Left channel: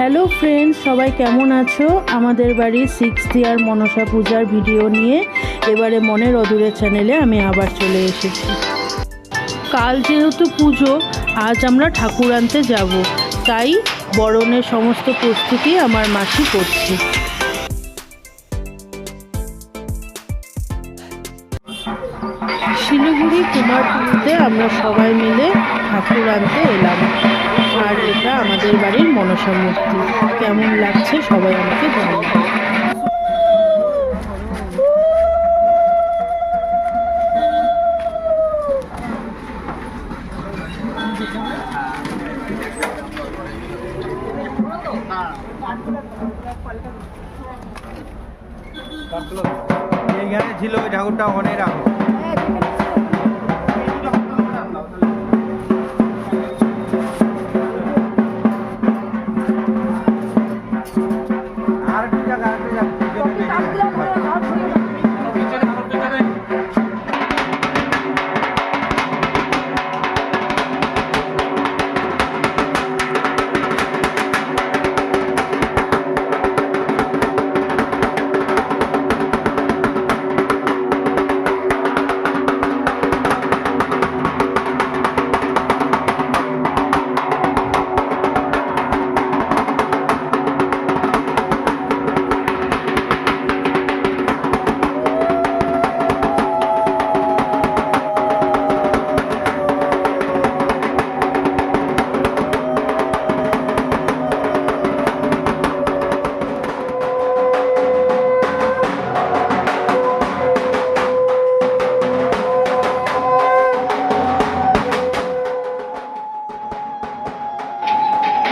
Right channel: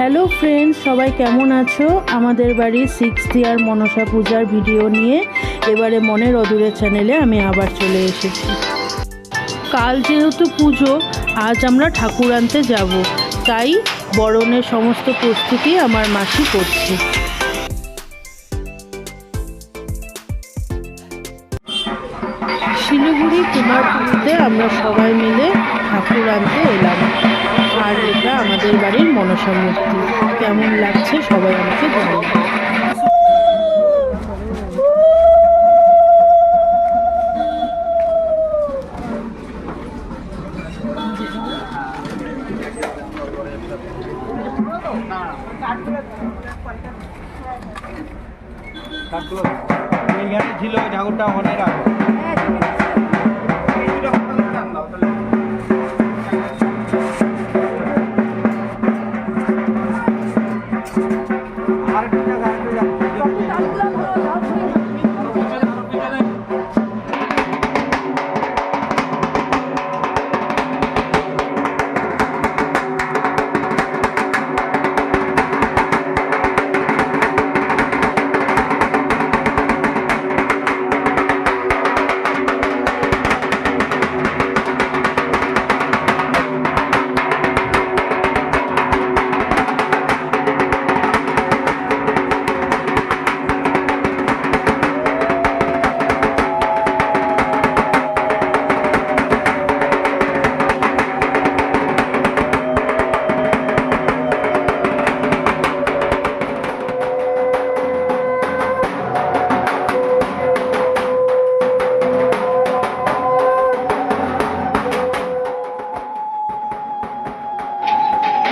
Hello friends, সবাই কেমন আছো? আমাদের বাড়ির 6th ইয়ার মনসা পূজার ভিডিও নিয়ে এবারে মনের অদূরে চ্যানেলে আমি আবার চলে এসেছি। কাল যেহেতু পুজো, আজ আমরা ঠাকুর আনতে যাব, তাই বরণের সমস্ত প্রস্তুতি আমার মাসি করছে। শিলিগুড়ি কুমারপুরীতে আমরা সবাই মিলে ঠাকুর আনতে এলাম, আর এটা আমাদের বাড়ির মনসা মূর্তি। কেমন লাগছে সবাই আমাকে জানান। এইখানে ছিল ঠাকুরটা অনেক আগে।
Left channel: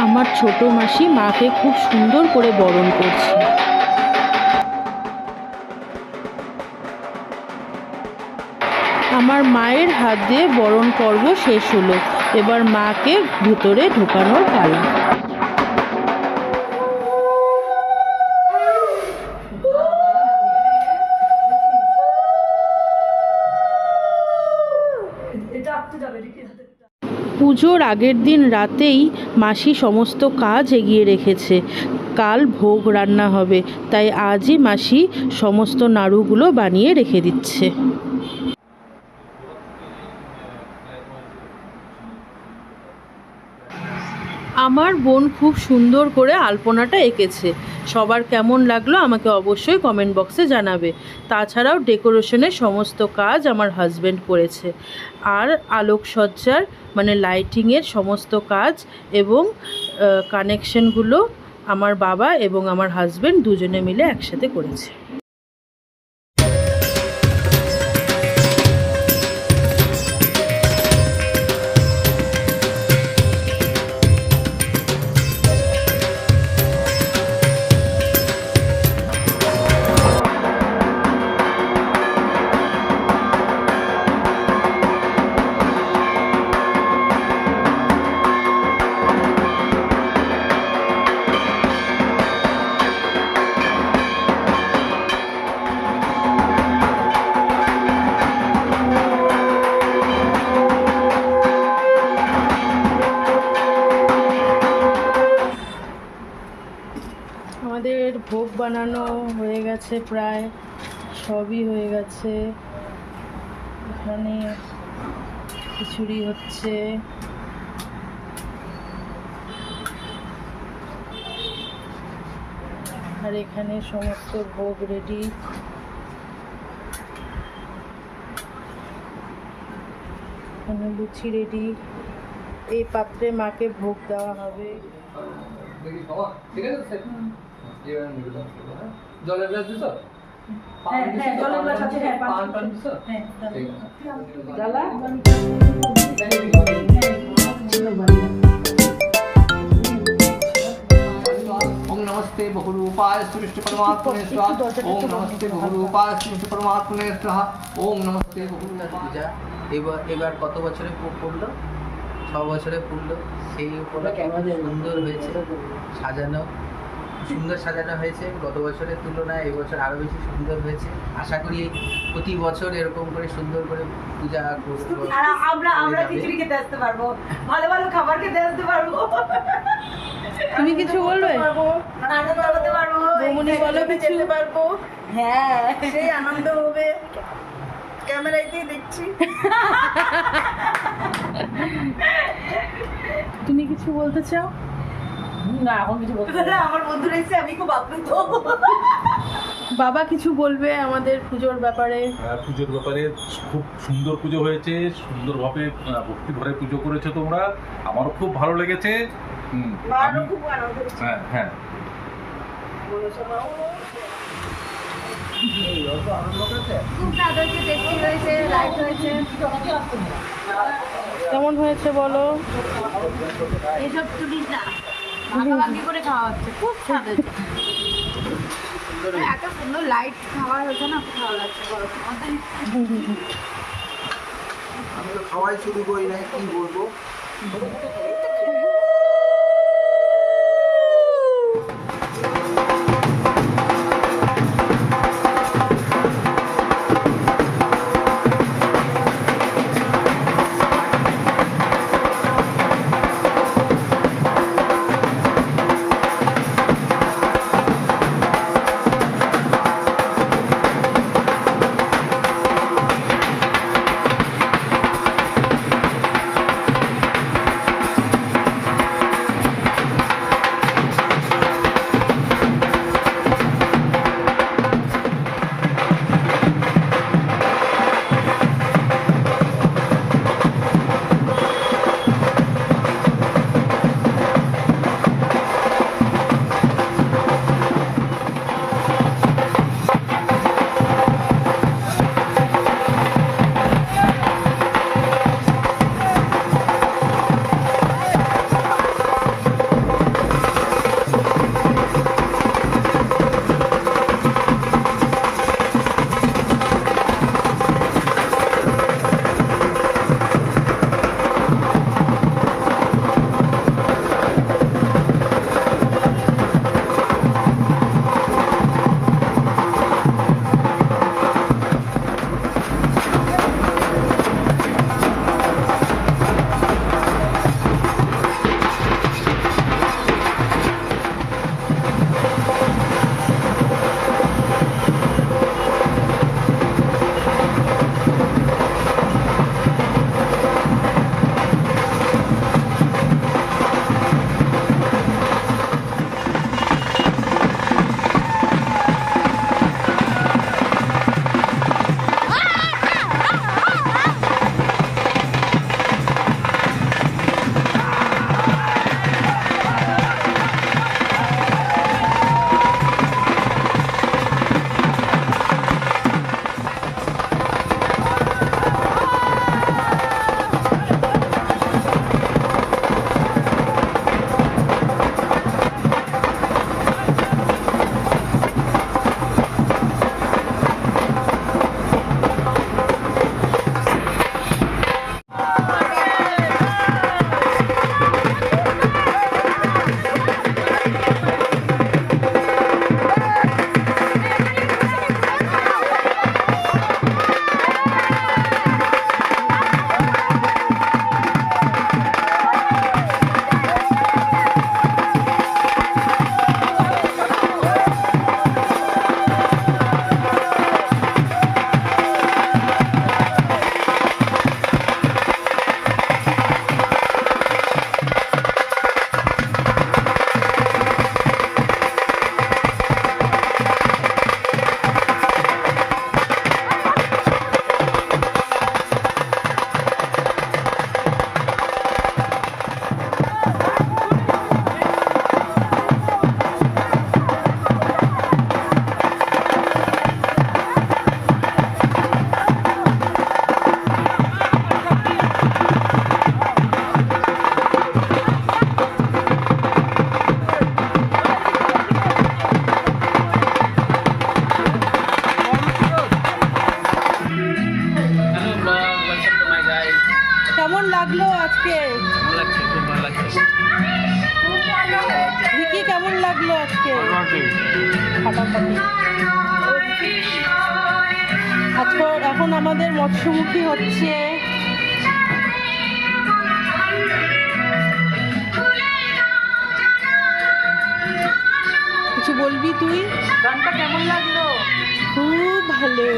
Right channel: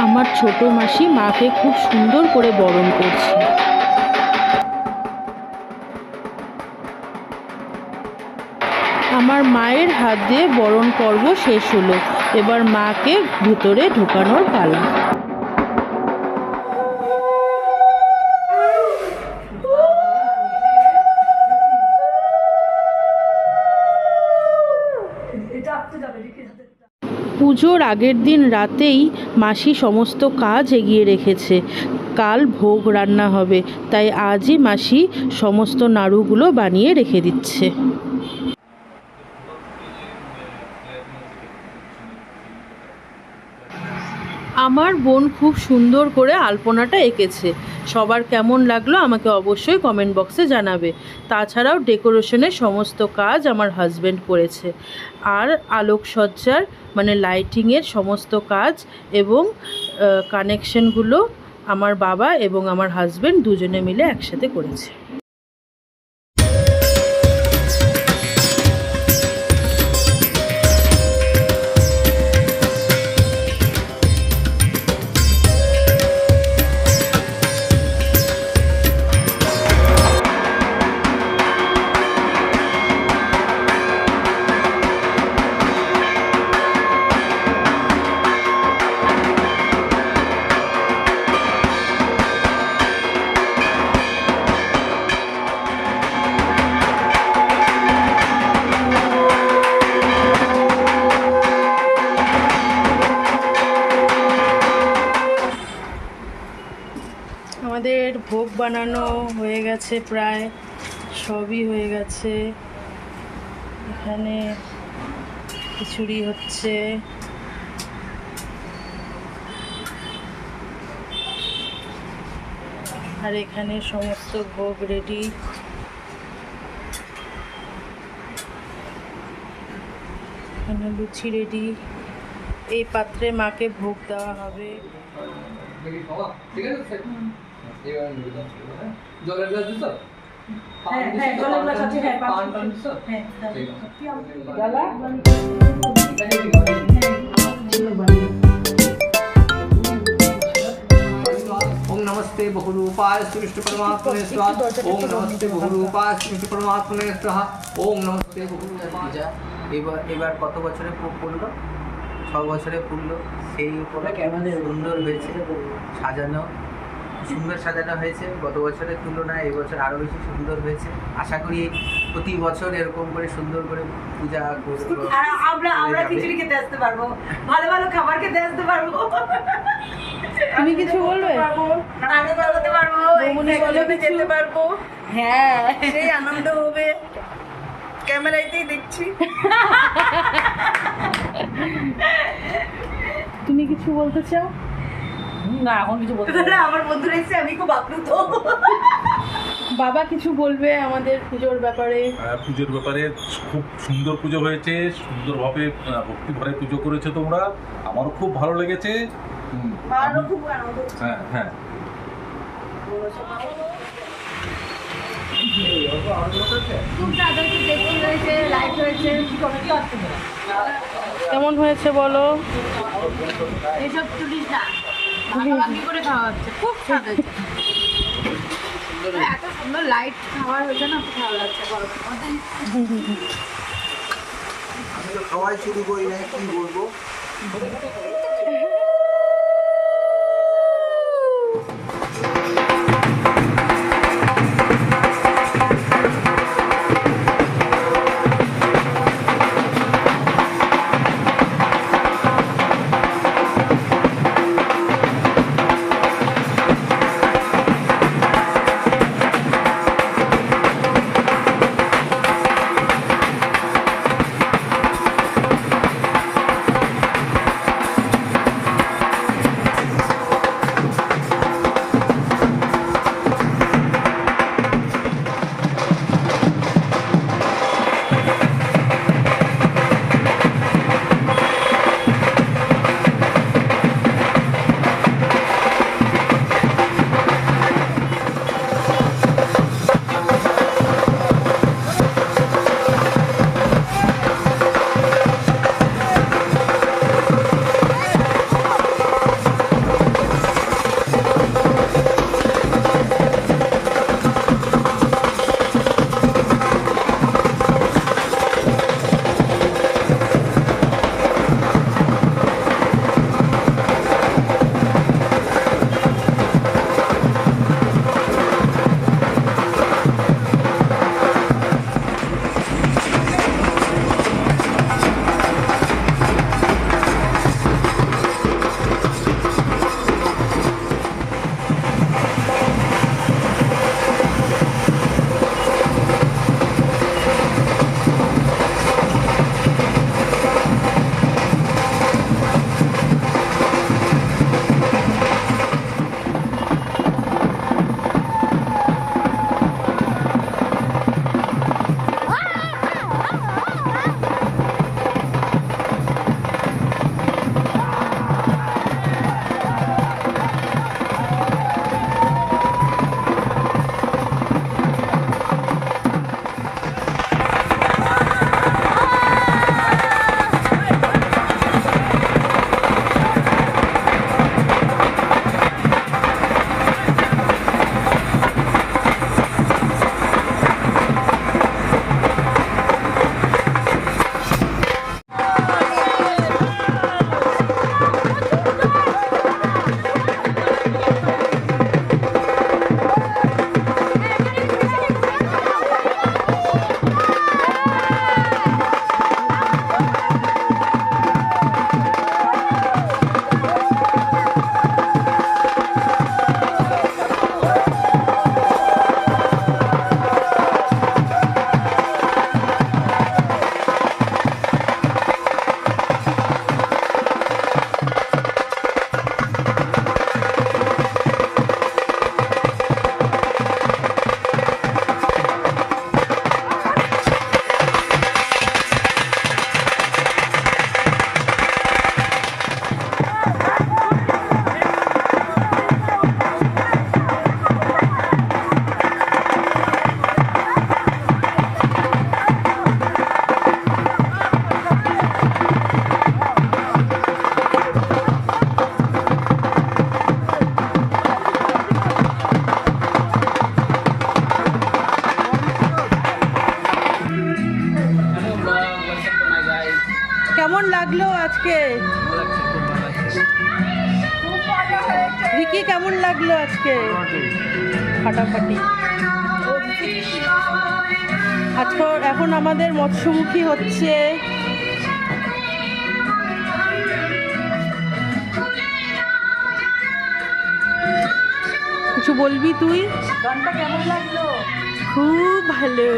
আমার ছোট মাসি মাকে খুব সুন্দর করে বরণ করছে। আমার মায়ের হাত দিয়ে বরণ পর্ব শেষ হলো, এবার মাকে ভিতরে ঢোকানোর পালা। পুজোর আগের দিন রাতেই মাসি সমস্ত কাজ এগিয়ে রেখেছে। কাল ভোগ রান্না হবে, তাই আজই মাসি সমস্ত নাড়ুগুলো বানিয়ে রেখে দিচ্ছে। আমার বোন খুব সুন্দর করে আলপনাটা এঁকেছে। সবার কেমন লাগলো আমাকে অবশ্যই কমেন্ট বক্সে জানাবে। তাছাড়াও ডেকোরেশনের সমস্ত কাজ আমার হাজব্যান্ড করেছে, আর আলোকসজ্জার মানে লাইটিংয়ের সমস্ত কাজ এবং কানেকশনগুলো আমার বাবা এবং আমার হাজব্যান্ড দুজনে মিলে একসাথে করেছে। আমাদের ভোগ বানানো হয়ে গেছে, প্রায় সবই হয়ে গেছে। এখানে খিচুড়ি হচ্ছে, আর এখানে সমস্ত ভোগ রেডি। এখানে লুচি রেডি। এই পাত্রে মাকে ভোগ দেওয়া হবে। জলের গ্লাস দিছো? জলের গ্লাস আছে, হ্যাঁ, পান দিছো? হ্যাঁ, জ্বালা ओम नमस्ते बहुरूपाय श्री विष्णु परमात्मने स्वाहा। ओम नमस्ते बहुरूपाय श्री विष्णु परमात्मने स्वाहा। ओम नमस्ते बहुरूपाय। এবার কত বছরে পড়লো? 6 বছরে পড়লো। সেই উপলক্ষে সুন্দর হয়েছে, সাজানো সুন্দর সাজানো হয়েছে। গত বছরের তুলনায় এই বছর আরও বেশি সুন্দর হয়েছে। আশা করি প্রতি বছর এরকম করে সুন্দর করে পূজা করব, আমরা খিচুড়ি খেতে আসতে পারবো, ভালো ভালো খাবার খেতে আসতে পারবো। তুমি কিছু বলবে? আনন্দ হতে পারবো, বৌমনি বলো কিছু। যেতে পারবো। হ্যাঁ, সেই আনন্দ হবে, ক্যামেরাতেই দেখছি। তুমি কিছু বলতে চাও? না, এখন কিছু বলতে না, আমার বন্ধুরা এসে আমি খুব আপ্লুত। বাবা কিছু বলবে আমাদের পুজোর ব্যাপারে? পুজোর ব্যাপারে খুব সুন্দর পুজো হয়েছে, সুন্দরভাবে ভক্তি ভরে পুজো করেছো তোমরা, আমারও খুব ভালো লেগেছে। মারও খুব আনন্দ হচ্ছে। হ্যাঁ হ্যাঁ, খুব স্বাদ হয়েছে, টেস্টি হয়েছে, লাইট হয়েছে। কেমন হয়েছে বলো? এসব তুলিস না, ভাগাভাগি করে খাওয়া হচ্ছে, খুব স্বাদ হয়েছে। এত সুন্দর লাইট খাওয়া হয়েছে না, খুব ভালো লাগছে গরমের মধ্যে। আমি তো খাওয়াই শুরু করি না, কি বলবো। কেমন লাগলো আজকে? ভালো লাগছে, খুব ভালো লাগছে। ভিকি কেমন লাগলো আজকে? ফাটাফাটি। আজকে এখন আমাদের মৎস্যমুখী হচ্ছে। কিছু বলবি তুই? গানটা কেমন লাগলো? খুব ভালো।